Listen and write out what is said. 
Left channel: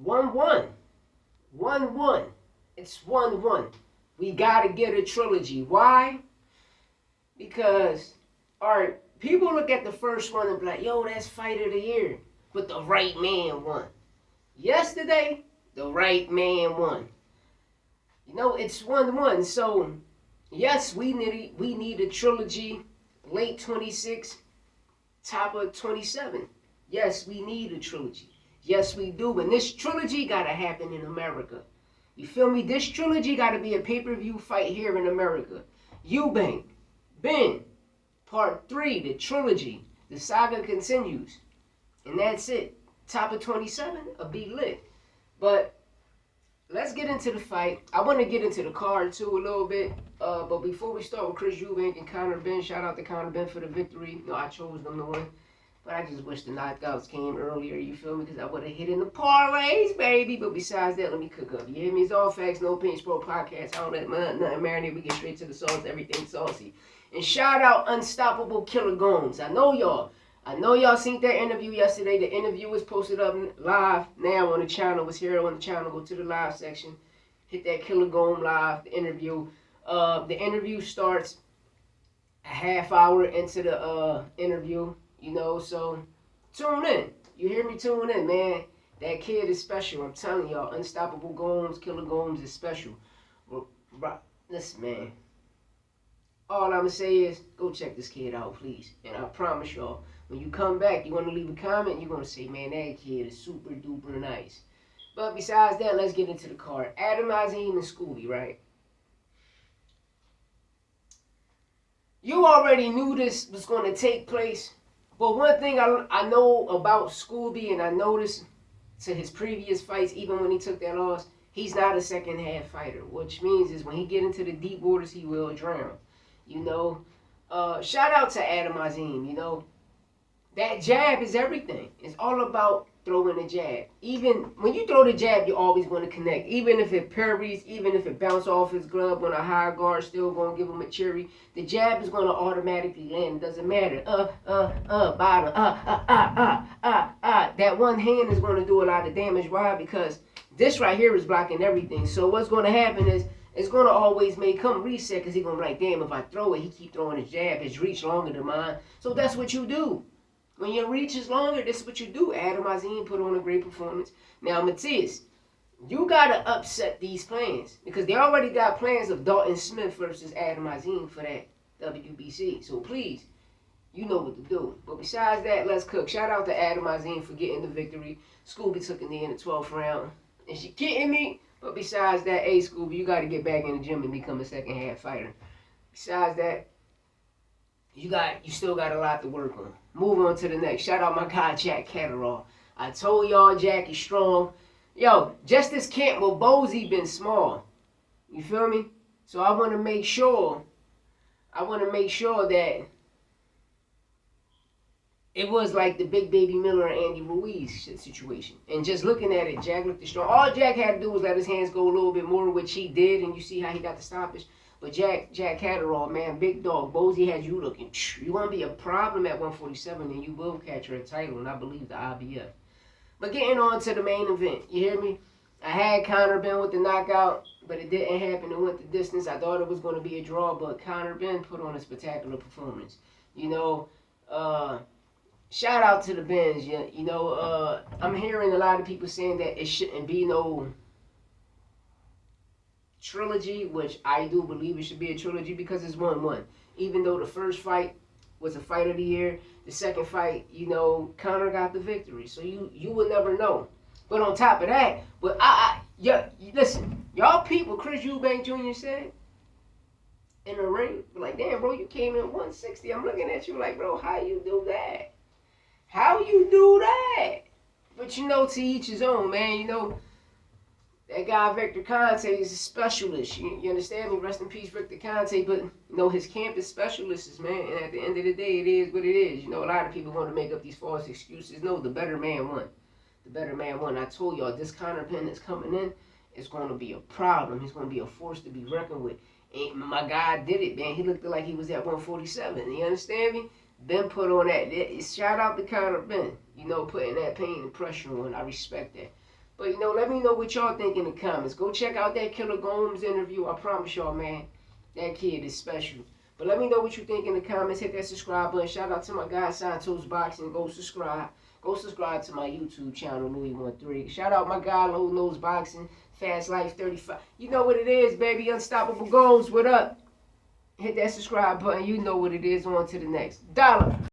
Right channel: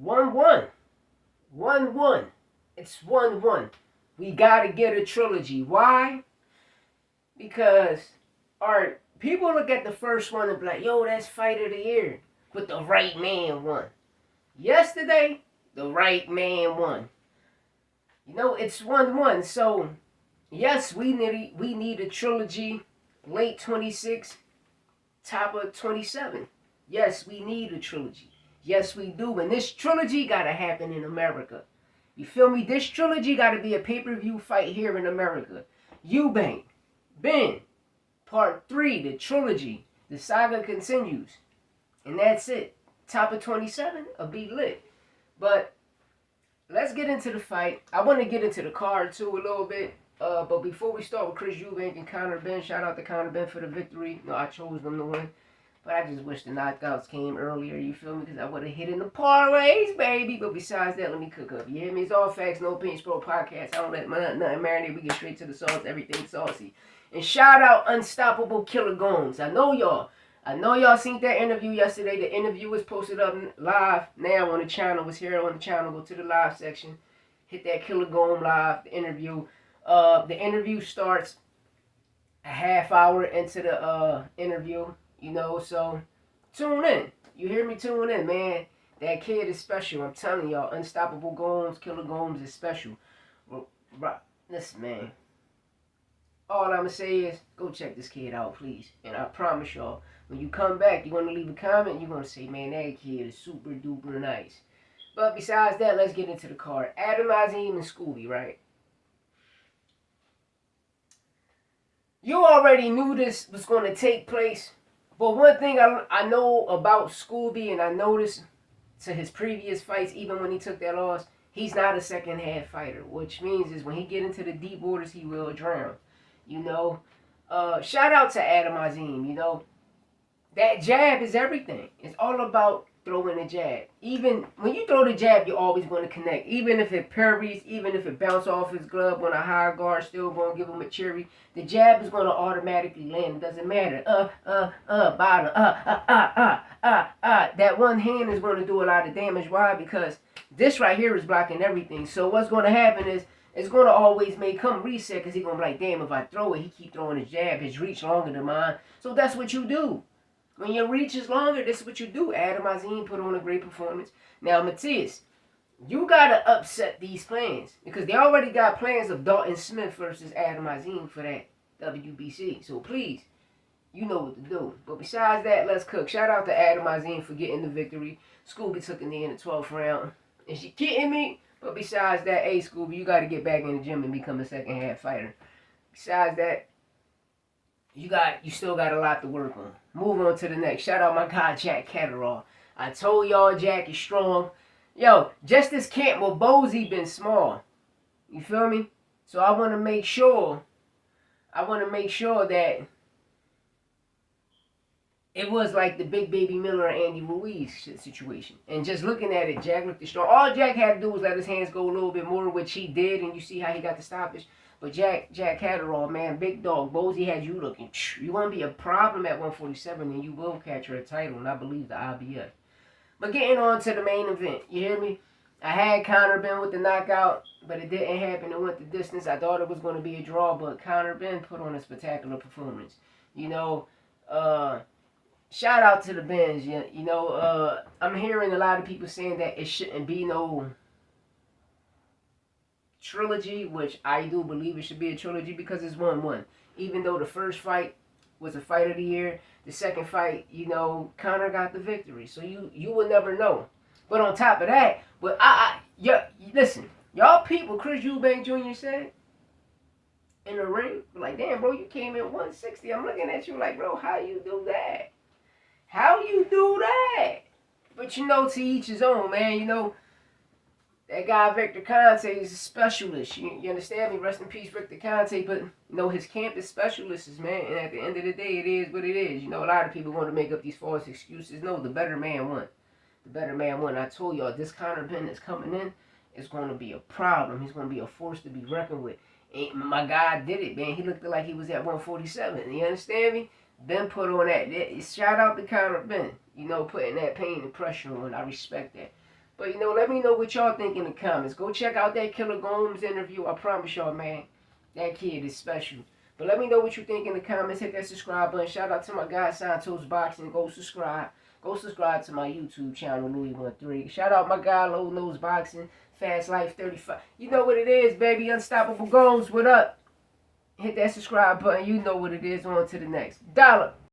1-1. 1-1. It's 1-1. We got to get a trilogy. Why? Because, alright, people look at the first one and be like, yo, that's fight of the year. But the right man won. Yesterday, the right man won. It's 1-1. So, yes, we need a trilogy. Late 26, top of 27. Yes, we need a trilogy. Yes, we do. And this trilogy got to happen in America. You feel me? This trilogy got to be a pay-per-view fight here in America. Eubank, Ben, Part 3, the trilogy. The saga continues. And that's it. Top of 27, a be lit. But let's get into the fight. I want to get into the card too a little bit. But before we start with Chris Eubank and CONOR BENN, shout out to CONOR BENN for the victory. I chose them to win. But I just wish the knockouts came earlier, you feel me? Because I would have hit in the parlays, baby. But besides that, let me cook up. You hear me? It's all facts, no pain, sport podcast. I don't let nothing marinate. We get straight to the sauce, everything saucy. And shout out Unstoppable Killer Gomes. I know y'all seen that interview yesterday. The interview was posted up live now on the channel. Was here on the channel. Go to the live section. Hit that Killer Gome live, the interview. The interview starts a half hour into the interview. So tune in. You hear me? Tune in, man. That kid is special. I'm telling y'all, Unstoppable Gomes, Killer Gomes is special. Listen, man. All I'm going to say is go check this kid out, please. And I promise y'all, when you come back, you're going to leave a comment. You're going to say, man, that kid is super duper nice. But besides that, let's get into the card. Adam Azim and Scooby, right? You already knew this was going to take place. But one thing I know about Scooby, and I noticed to his previous fights, even when he took that loss, he's not a second half fighter. Which means is when he get into the deep waters, he will drown. Shout out to Adam Azim. That jab is everything. It's all about throwing a jab. Even when you throw the jab, you're always going to connect. Even if it parries, even if it bounces off his glove on a high guard, still going to give him a cherry. The jab is going to automatically land. It doesn't matter. Bottom, That one hand is going to do a lot of damage. Why? Because this right here is blocking everything. So what's going to happen is it's going to always make him reset because he's going to be like, damn, if I throw it, he keep throwing his jab. His reach longer than mine. So that's what you do. When your reach is longer, this is what you do. Adam Azim put on a great performance. Now, Matias, you got to upset these plans because they already got plans of Dalton Smith versus Adam Azim for that WBC. So please, you know what to do. But besides that, let's cook. Shout out to Adam Azim for getting the victory. Scooby took a knee in the 12th round. And she kidding me? But besides that, hey, Scooby, you got to get back in the gym and become a second half fighter. Besides that, you still got a lot to work on. Move on to the next. Shout out my guy Jack Catterall. I told y'all Jack is strong. Yo, Justice Campbell Bosey been small. You feel me? So I want to make sure that it was like the Big Baby Miller and Andy Ruiz situation. And just looking at it, Jack looked strong. All Jack had to do was let his hands go a little bit more, which he did, and you see how he got the stoppage. But Jack Catterall, man, big dog. Bosey had you looking. You want to be a problem at 147, and you will capture a title, and I believe the IBF. But getting on to the main event, you hear me? I had CONOR BENN with the knockout, but it didn't happen. It went the distance. I thought it was going to be a draw, but CONOR BENN put on a spectacular performance. Shout out to the Benns. I'm hearing a lot of people saying that it shouldn't be no trilogy, which I do believe it should be a trilogy because it's 1-1. Even though the first fight was a fight of the year, the second fight, Conor got the victory. So you would never know. But on top of that, listen, y'all people, Chris Eubank Jr. said in the ring, like, damn, bro, you came in 160. I'm looking at you like, bro, how you do that? How you do that? But to each his own, man. That guy Victor Conte is a specialist. You understand me? Rest in peace, Victor Conte. But his camp is specialists, man. And at the end of the day, it is what it is. A lot of people want to make up these false excuses. No, the better man won. The better man won. I told y'all, this CONOR BENN that's coming in is going to be a problem. He's going to be a force to be reckoned with. And my guy did it, man. He looked like he was at 147. You understand me? Ben put on that. Shout out to CONOR BENN. Putting that pain and pressure on. I respect that. But you know, let me know what y'all think in the comments. Go check out that Killer Gomes interview. I promise y'all, man, that kid is special. But let me know what you think in the comments. Hit that subscribe button. Shout out to my guy Santos Boxing. Go subscribe. Go subscribe to my YouTube channel, Louis13. Shout out my guy Low Nose Boxing, Fast Life 35. You know what it is, baby. Unstoppable Gomes. What up? Hit that subscribe button. You know what it is. On to the next. Dollar.